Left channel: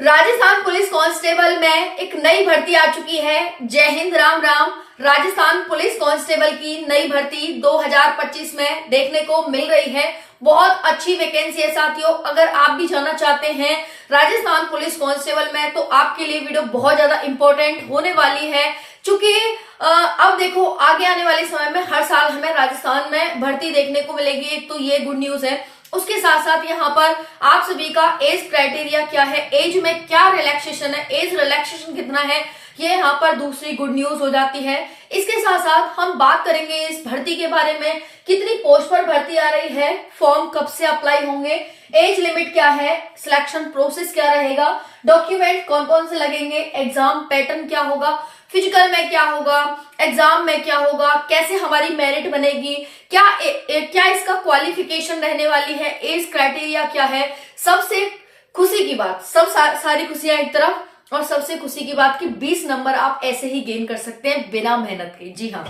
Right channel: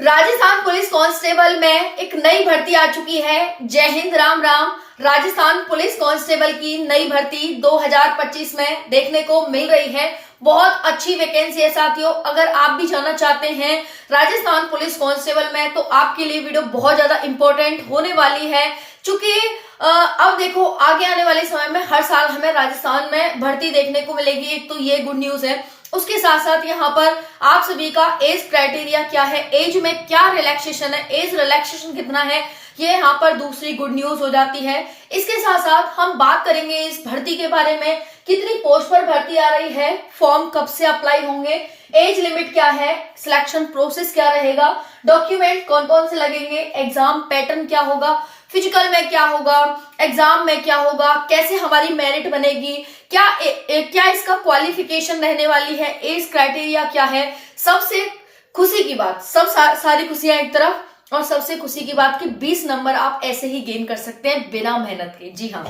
Rajasthan police constable में एक नई भर्ती आ चुकी है। जय हिंद, राम राम। राजस्थान पुलिस कांस्टेबल की नई भर्ती 2025 में देखने को मिल रही है। बहुत अच्छी वैकेंसी है साथियों। अगर आप भी जाना चाहते हैं राजस्थान पुलिस कांस्टेबल में तो आपके लिए वीडियो बहुत ज्यादा इंपॉर्टेंट होने वाली है, क्योंकि अब देखो आगे आने वाले समय में हर साल हमें राजस्थान में भर्ती देखने को मिलेगी। एक तो ये गुड न्यूज है, उसके साथ साथ यहाँ पर आप सभी का एज क्राइटेरिया क्या है, एज में क्या रिलैक्सेशन है, एज रिलैक्सेशन कितना है, ये यहाँ पर दूसरी गुड न्यूज हो जाती है। इसके साथ साथ हम बात करेंगे इस भर्ती के बारे में, कितनी पोस्ट पर भर्ती आ रही है, फॉर्म कब से अप्लाई होंगे, एज लिमिट क्या है, सिलेक्शन प्रोसेस क्या रहेगा, डॉक्यूमेंट कौन कौन से लगेंगे, एग्जाम पैटर्न क्या होगा, फिजिकल में क्या होगा, एग्जाम में क्या होगा, कैसे हमारी मेरिट बनेगी, क्या इसका क्वालिफिकेशन रहने वाली है, एज क्राइटेरिया क्या है। सबसे खुशी की बात, सारी खुशियां एक तरफ, और सबसे खुशी की बात कि 20 नंबर आप ऐसे ही गेन कर सकते हैं बिना मेहनत के। जी हाँ,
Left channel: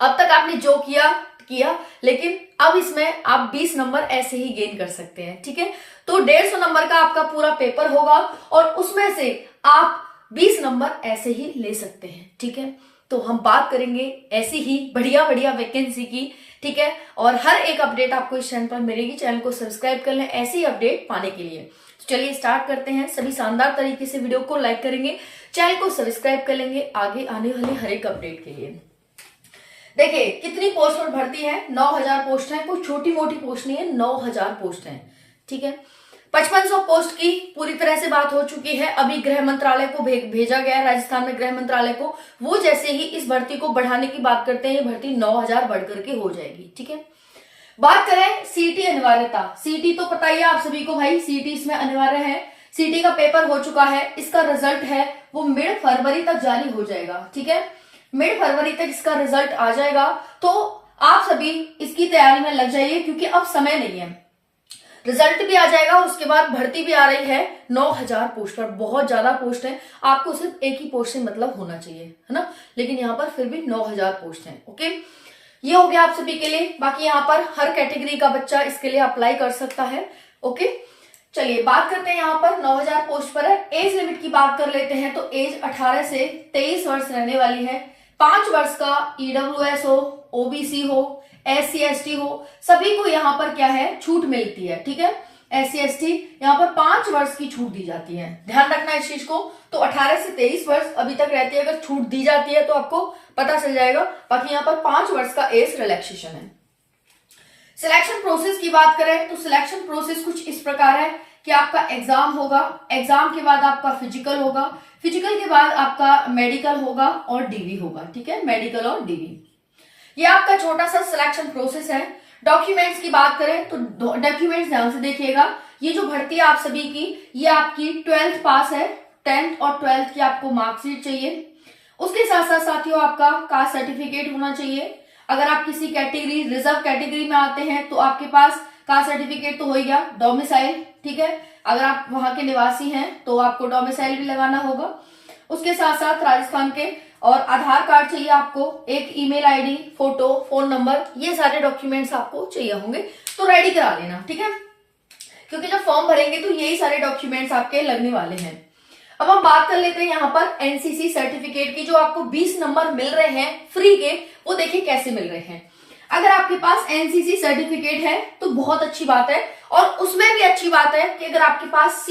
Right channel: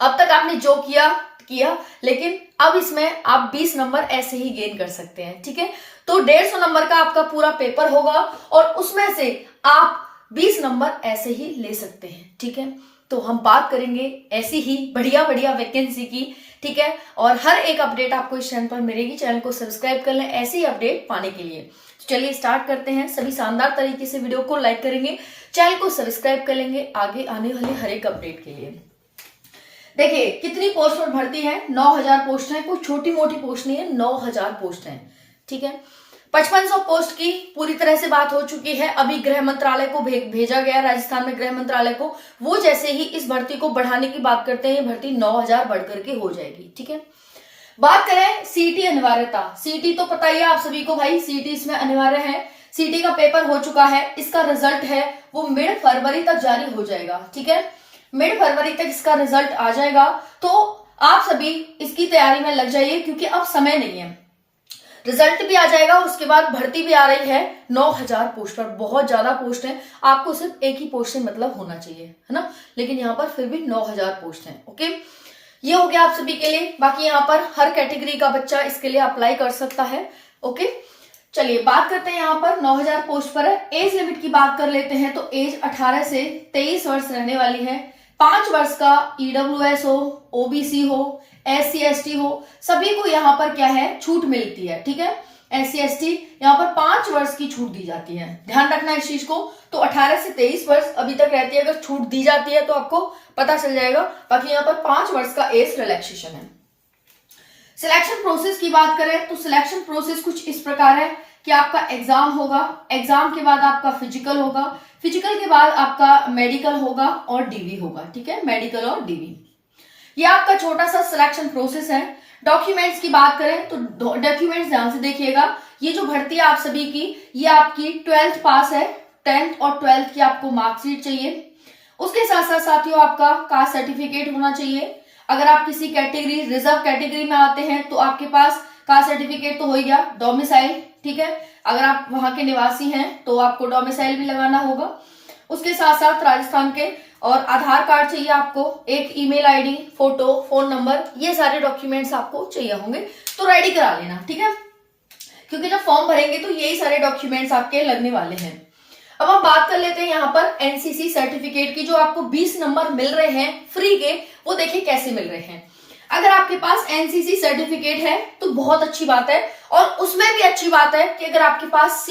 अब तक आपने जो किया, लेकिन अब इसमें आप 20 नंबर ऐसे ही गेन कर सकते हैं। ठीक है, तो 150 नंबर का आपका पूरा पेपर होगा और उसमें से आप 20 नंबर ऐसे ही ले सकते हैं। ठीक है, तो हम बात करेंगे ऐसी ही बढ़िया बढ़िया वैकेंसी की। ठीक है, और हर एक अपडेट आपको इस चैनल पर मिलेगी। चैनल को सब्सक्राइब कर लें ऐसी ही अपडेट पाने के लिए। तो चलिए स्टार्ट करते हैं। सभी शानदार तरीके से वीडियो को लाइक करेंगे, चैनल को सब्सक्राइब कर लेंगे आगे आने वाले हर एक अपडेट के लिए। देखिए कितनी पोस्ट पर भर्ती है, 9000 पोस्ट है। कोई छोटी मोटी पोस्ट नहीं है, 9000 पोस्ट है। ठीक है, 5500 पोस्ट की पूरी तरह से बात हो चुकी है। अभी गृह मंत्रालय को भेजा गया है, राजस्थान में गृह मंत्रालय को। वो जैसे ही इस भर्ती को बढ़ाने की बात करते हैं, ये भर्ती 9000 बढ़कर के हो जाएगी। ठीक है, बात करें सीटी अनिवार्यता। सीटी तो पता ही है आप सभी को भाई, सीटी इसमें अनिवार्य है। सीटी का पेपर हो चुका है, इसका रिजल्ट है वो मिड फरवरी तक जारी हो जाएगा। ठीक है, मिड फरवरी तक इसका रिजल्ट आ जाएगा, तो आप सभी इसकी तैयारी में लग जाइए, क्योंकि अब समय नहीं है। रिजल्ट भी आ जाएगा और उसके बाद भर्ती भी आ रही है 9000 पोस्ट पर। बहुत ज्यादा पोस्ट है, आपको सिर्फ एक ही पोस्ट से मतलब होना चाहिए, है ना, लेकिन यहाँ पर फिर भी 9000 पोस्ट है। ओके, ये हो गया आप सभी के लिए। बाकी यहाँ पर हर कैटेगरी का बच्चा इसके लिए अप्लाई कर सकता है। ओके, चलिए बात करते हैं। यहाँ पर 9000 पोस्ट पर है। एज लिमिट की बात कर लेते हैं, तो एज 18 से 23 वर्ष रहने वाली है। 5 वर्ष का ईडब्ल्यूएस हो, ओबीसी हो, SC ST हो, सभी को यहाँ पर क्या है, छूट मिलती है। ठीक है, SC ST यहाँ पर 5 वर्ष की छूट दी जाती है। ध्यान रखना इस चीज को। तो 18 से 23 वर्ष अभी तक रहती है। अगर छूट दी जाती है तो आपको पता चल जाएगा। बाकी यहाँ पर 5 वर्ष का एज रिलैक्सेशन है। सिलेक्शन प्रोसेस की बात करें तो सिलेक्शन प्रोसेस कुछ इस प्रकार है कि आपका एग्जाम होगा, एग्जाम के बाद आपका फिजिकल होगा, फिजिकल के बाद आपका मेडिकल होगा और डीवी होगा। ठीक है, मेडिकल और डीवी, ये आपका छोटा सा सिलेक्शन प्रोसेस है। डॉक्यूमेंट्स की बात करें तो डॉक्यूमेंट्स ध्यान से देखिएगा। ये जो भर्ती है आप सभी की, ये आपकी 12th पास है। 10th और 12th की आपको मार्कशीट चाहिए। उसके साथ साथ साथियों आपका कास्ट सर्टिफिकेट होना चाहिए। अगर आप किसी कैटेगरी, रिजर्व कैटेगरी में आते हैं तो आपके पास कास्ट सर्टिफिकेट तो हो ही गया। डोमिसाइल, ठीक है, अगर आप वहां के निवासी हैं तो आपको डोमिसाइल भी लगाना होगा। उसके साथ साथ राजस्थान के और आधार कार्ड चाहिए आपको, एक email ID, photo, phone number, ये सारे डॉक्यूमेंट्स आपको चाहिए होंगे, तो रेडी करा लेना। ठीक है, क्योंकि जब फॉर्म भरेंगे तो यही सारे डॉक्यूमेंट्स आपके लगने वाले हैं। अब हम बात कर लेते हैं यहाँ पर एनसीसी सर्टिफिकेट की, जो आपको 20 नंबर मिल रहे हैं फ्री के। वो देखिए कैसे मिल रहे हैं। अगर आपके पास एनसीसी सर्टिफिकेट है तो बहुत अच्छी बात है, और उसमें भी अच्छी बात है कि अगर आपके पास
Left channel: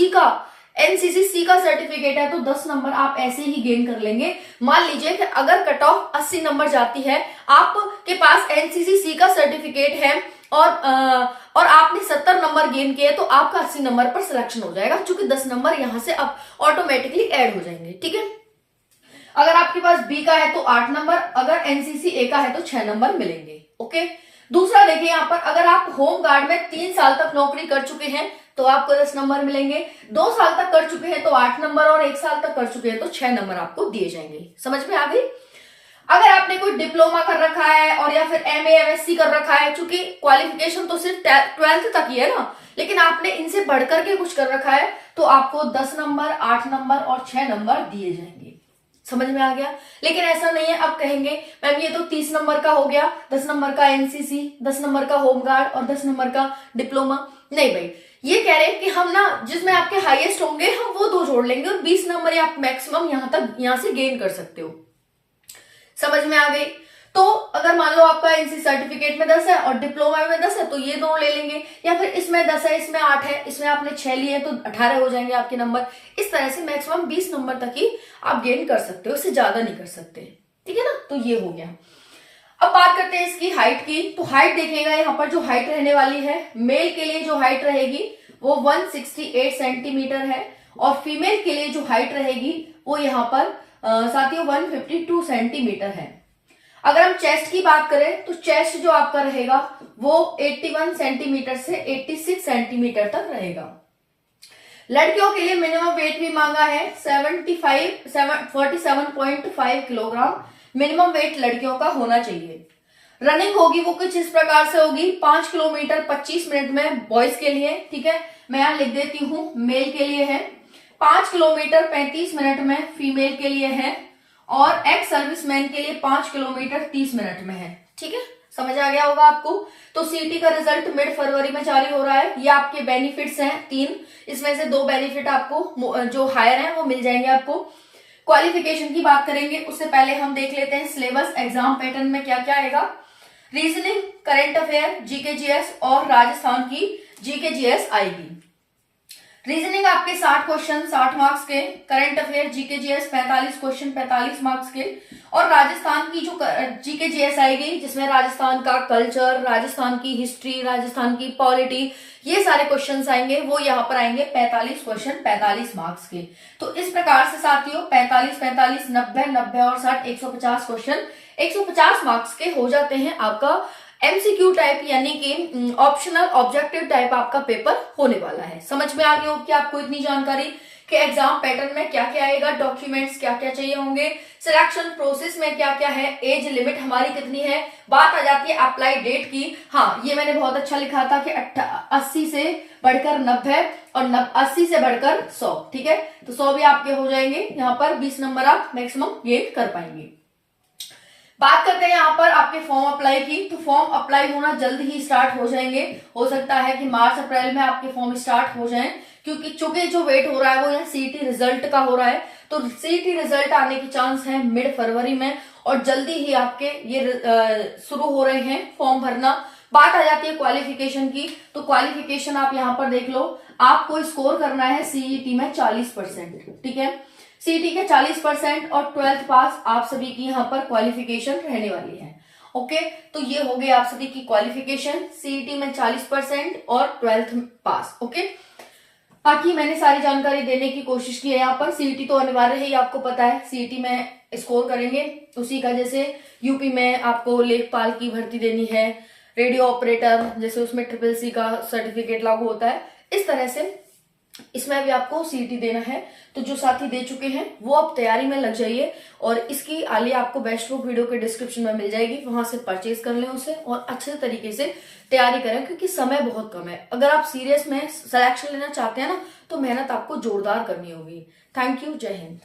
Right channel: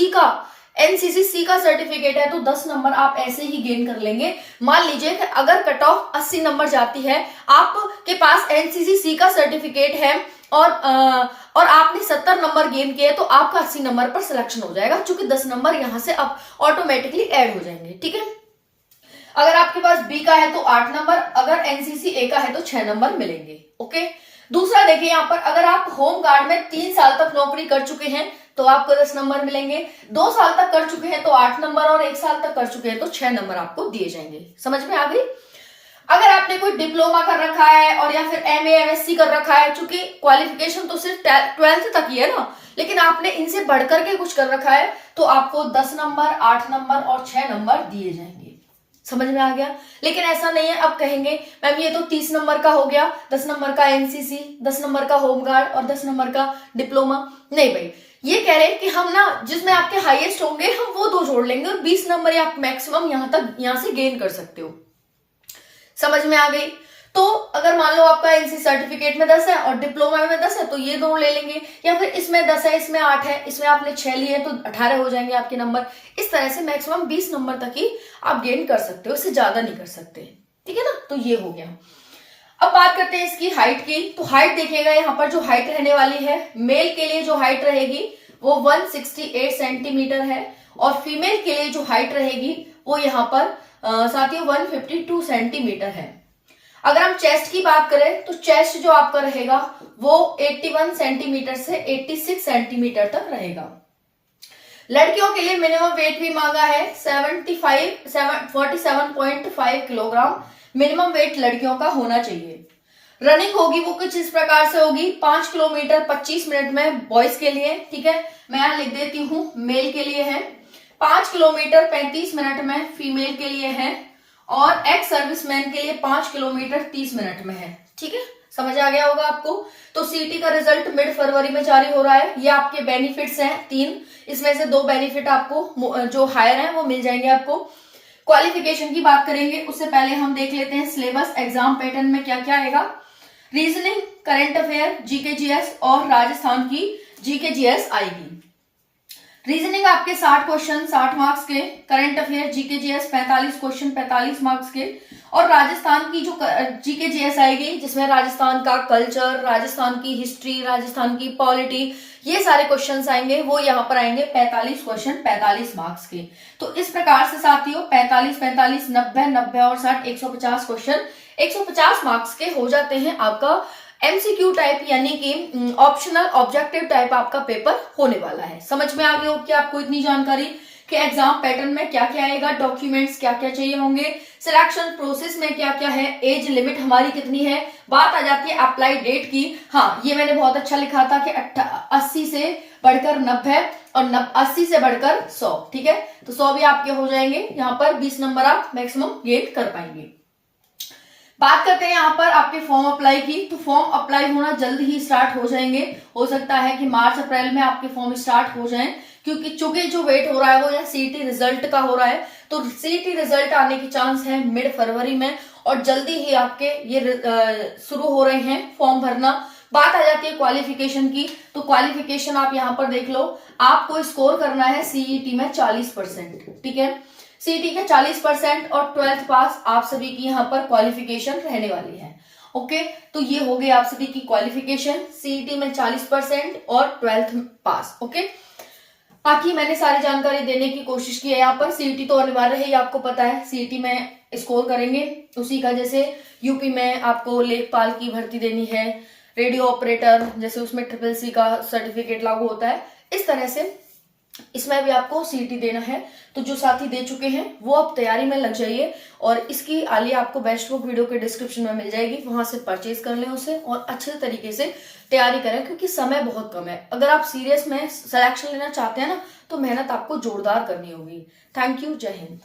एनसीसी सी का सर्टिफिकेट है तो 10 नंबर आप ऐसे ही गेन कर लेंगे। मान लीजिए कि अगर कट ऑफ 80 नंबर जाती है, आपके पास एनसीसी सी का सर्टिफिकेट है और आपने 70 नंबर गेन किए, तो आपका 80 नंबर पर सिलेक्शन हो जाएगा, क्योंकि 10 नंबर यहां से अब ऑटोमेटिकली ऐड हो जाएंगे। ठीक है, अगर आपके पास बी का है तो 8 नंबर, अगर एनसीसी ए का है तो 6 नंबर मिलेंगे। ओके, दूसरा देखिए यहाँ पर, अगर आप होम गार्ड में 3 साल तक नौकरी कर चुके हैं तो आपको 10 नंबर मिलेंगे। 2 साल तक कर चुके हैं तो 8 नंबर, और 1 साल तक कर चुके हैं तो 6 नंबर आपको दिए जाएंगे। समझ में आ गई। अगर आपने कोई डिप्लोमा कर रखा है और या फिर MA MSc कर रखा है, चूंकि क्वालिफिकेशन तो सिर्फ 12th तक ही है ना, लेकिन आपने इनसे बढ़कर के कुछ कर रखा है तो आपको 10 नंबर, 8 नंबर और 6 नंबर दिए जाएंगे। समझ में आ गया। लेकिन ऐसा नहीं है, अब कहेंगे मैम ये तो 30 नंबर का हो गया, 10 नंबर का एनसीसी, 10 नंबर का होमगार्ड और 10 नंबर का डिप्लोमा। नहीं भाई, ये कह रहे हैं कि हम ना जिसमें आपके हाईएस्ट होंगे हम वो 2 जोड़ लेंगे और 20 नंबर आप मैक्सिमम यहां से गेन कर सकते हो। समझ में आ गई? तो अगर मान लो आपका एनसी सर्टिफिकेट में 10 है और डिप्लोमा में 10 है तो ये दोनों ले लेंगे, या फिर इसमें 10 है इसमें 8 है, इसमें आपने 6 लिए हैं तो 18 हो जाएंगे आपके नंबर। इस तरह से मैक्सिमम 20 नंबर तक ही आप गेन कर सकते हो, इससे ज्यादा नहीं कर सकते। ठीक है ना? तो ये हो गया। अब बात करते हैं इसकी हाइट की। तो हाइट देखिएगा, यहाँ पर जो हाइट रहने वाली है, मेल के लिए जो हाइट रहेगी वो 168 सेंटीमीटर है और फीमेल के लिए जो हाइट रहेगी वो यहाँ पर साथियों 152 सेंटीमीटर है। अगर हम चेस्ट की बात करें तो चेस्ट जो आपका रहेगा वो 81 सेंटीमीटर से 86 सेंटीमीटर तक रहेगा। लड़कियों के लिए मिनिमम वेट भी मांगा है 47.5 किलोग्राम मिनिमम वेट लड़कियों का होना चाहिए। रनिंग होगी वो कुछ इस प्रकार से होगी, 5 किलोमीटर 25 मिनट में बॉयज के लिए। ठीक है, मैं यहां लिख देती हूं, मेल के लिए है 5 किलोमीटर 35 मिनट में, फीमेल के लिए है, और एक्स सर्विसमैन के लिए 5 किलोमीटर 30 मिनट में है। ठीक है, समझ आ गया होगा आपको। तो सीटी का रिजल्ट मिड फरवरी में जारी हो रहा है। ये आपके बेनिफिट्स हैं 3, इसमें से 2 बेनिफिट आपको जो हायर हैं वो मिल जाएंगे आपको। क्वालिफिकेशन की बात करेंगे उससे पहले हम देख लेते हैं सिलेबस एग्जाम पैटर्न में क्या क्या आएगा। Reasoning, current affair, GK GS और राजस्थान की जीके जीएस आएगी। रीजनिंग आपके 60 क्वेश्चन 60 मार्क्स के, current affair GK GS 45 question 45 marks के, और राजस्थान की जो जीके जीएस आएगी जिसमें राजस्थान का कल्चर, राजस्थान की हिस्ट्री, राजस्थान की पॉलिटी, ये सारे क्वेश्चंस आएंगे, वो यहाँ पर आएंगे 45 क्वेश्चन 45 मार्क्स के। तो इस प्रकार से साथियों 45 45 90 90 और 60 150 क्वेश्चन 150 मार्क्स के हो जाते हैं। आपका एमसीक्यू टाइप यानी कि ऑप्शनल ऑब्जेक्टिव टाइप आपका पेपर होने वाला है। समझ में आ गया हो कि आपको इतनी जानकारी कि एग्जाम पैटर्न में क्या क्या आएगा, डॉक्यूमेंट्स क्या क्या चाहिए होंगे, सिलेक्शन प्रोसेस में क्या क्या है, एज लिमिट हमारी कितनी है। बात आ जाती है अप्लाई डेट की। हाँ, ये मैंने बहुत अच्छा लिखा था कि 80 से बढ़कर 90 और 80 से बढ़कर 100। ठीक है, तो 100 भी आपके हो जाएंगे। यहाँ पर 20 नंबर आप मैक्सिमम गेन कर पाएंगे। बात करते हैं यहाँ पर आपके फॉर्म अप्लाई की। तो फॉर्म अप्लाई होना जल्द ही स्टार्ट हो जाएंगे। हो सकता है कि मार्च अप्रैल में आपके फॉर्म स्टार्ट हो जाएं, क्योंकि चूंकि जो वेट हो रहा है वो यहाँ सीईटी रिजल्ट का हो रहा है। तो सीईटी रिजल्ट आने की चांस है मिड फरवरी में और जल्दी ही आपके ये शुरू हो रहे हैं फॉर्म भरना। बात आ जाती है क्वालिफिकेशन की। तो क्वालिफिकेशन आप यहाँ पर देख लो, आपको स्कोर करना है सीईटी में 40%। ठीक है, सीईटी के 40% और 12th पास आप सभी की यहाँ पर क्वालिफिकेशन रहने वाली है। ओके, तो ये हो गई आप सभी की क्वालिफिकेशन, सीईटी में 40% और 12th पास। ओके, बाकी मैंने सारी जानकारी देने की कोशिश की है। यहाँ पर सीईटी तो अनिवार्य है, आपको पता है सीईटी में स्कोर करेंगे उसी का। जैसे यूपी में आपको लेखपाल की भर्ती देनी है, रेडियो ऑपरेटर जैसे उसमें CCC का सर्टिफिकेट लागू होता है, इस तरह से इसमें भी आपको सीईटी देना है। तो जो साथी दे चुके हैं वो अब तैयारी में लग जाइए, और इसकी आलिया आपको बेस्ट बुक वीडियो के डिस्क्रिप्शन में मिल जाएगी, वहां से परचेज कर लें उसे और अच्छे तरीके से तैयारी करें, क्योंकि समय बहुत कम है। अगर आप सीरियस में सिलेक्शन लेना चाहते हैं ना तो मेहनत आपको जोरदार करनी होगी। थैंक यू, जय हिंद।